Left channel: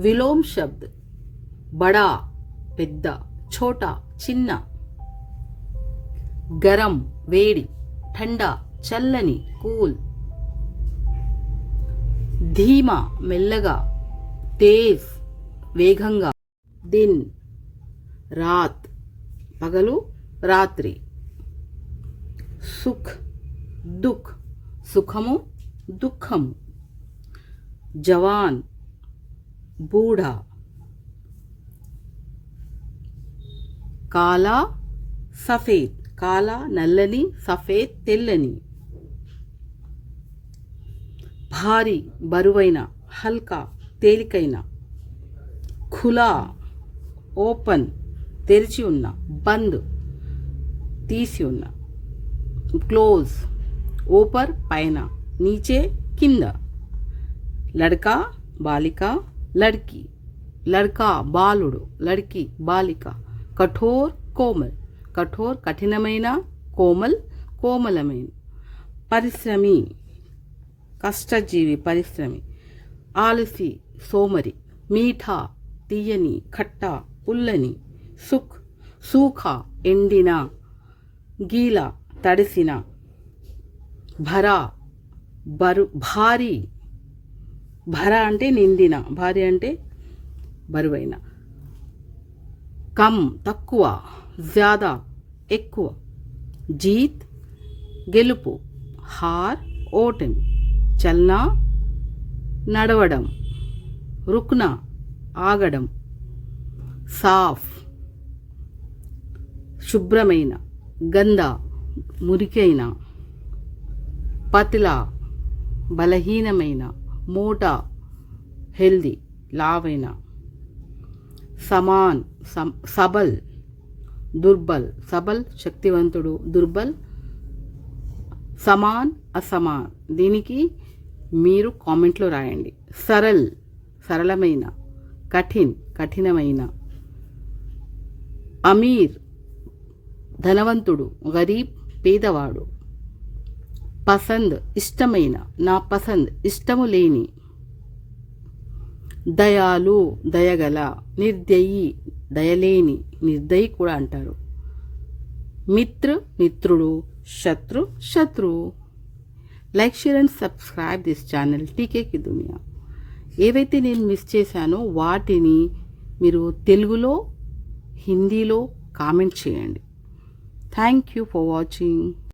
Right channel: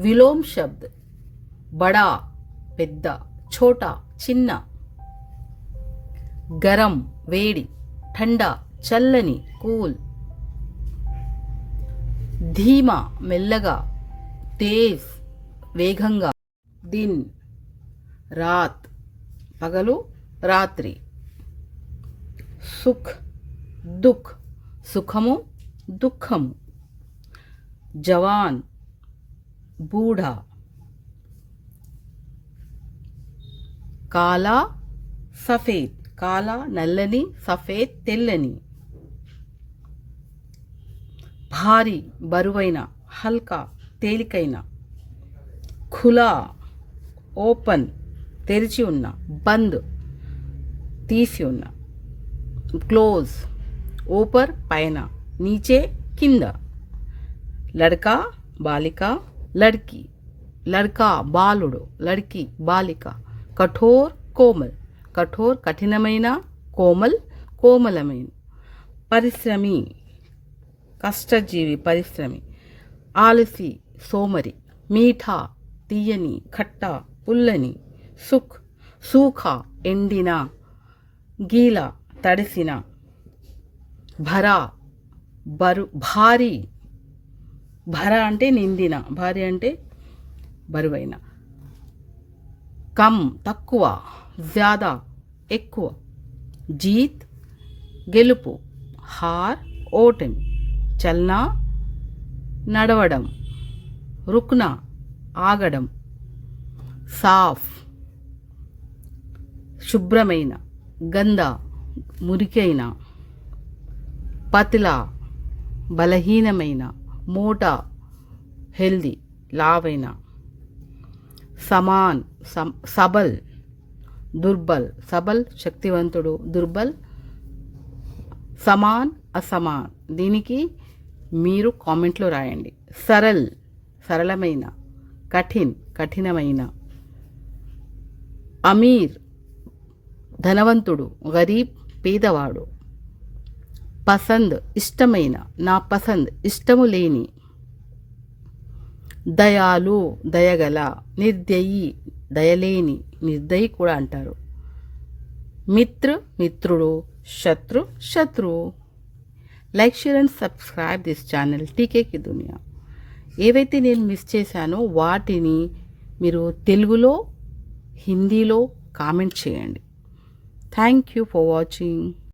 విలోమ్ శబ్ద్ బడా పెద్ద, ఛోటా చిన్న. గరం వేడి, ఠండా చల్లని కూల్. ధీమా మెల్లగా, తేజ్ వేగంగా. దిన్ రాత్ పగలు రాత్రి. సుఖ్ దుఃఖ్ సుఖము దుఃఖము. జవాన్ బూఢా. కాలా సఫేద్ కాలా నల్లని, సఫేద్ తెల్లని. భారీ బరువైన, హల్కా తేలికైన. ఖులా ఓపెన్ తెరిచి ఉన్న, బంద్ తీసి ఉన్న. క్లోజ్ ऊपर పైన, नीचे కింద. లడ్కా బాలిక, లడ్కి లడ్కా బాలుడు, లడ్కి బాలిక. కఠోర్ కోమల్ కఠోర్ కఠినమైన, కోమల్ కోమలమైన. పరిశ్రమి కష్టజీవి, పరిశ్రమి. ఆలసి సోమరి. మీఠా తీయని, ఖట్టా పుల్లని. సుఖ్ సూఖా ఎండిన, గీలా తడిసిన. భరా భారీ భర అంటే నిండిన, భారీ అంటే బరువైన. కమ్ తక్కువ, జ్యాదా ఎక్కువ. జీత్ గెలుపు, హార్ ఓటమి. చల్నా నడవడం, రుక్నా ఆగడం. సాఫ్ శుభ్రమైన, గందా మురికైన. పతిలా బలహీనమైన, మోటా హెల్దీ లావైన. సమాన్ సబల్ దుర్బల్, సబల్ శక్తివంతుడు, దుర్బల్ సమాన్ అసమాన్. దీనికి మీరు కామెంట్లో రాయండి. సరల్ సరళమైన, కఠిన్ కఠినమైన. అమీర్ ధనవంతుడు, గరీబ్ పేదవాడు. పసంద్ ఇష్టమైన, నా పసంద్ ఇష్టము లేని. దయాలు దయగల, నిర్దయి దయలేని, నిర్దయి కూడా అంటారు. మిత్ర మిత్రుడు, శత్రు శత్రువు. Like share and subscribe this channel TK కి దునియా. ఏవైతే నేను మిస్ చేశానో వాటిని మీరు తెలుగులో, హిందీలో కామెంట్ చేయండి. Thank you for watching.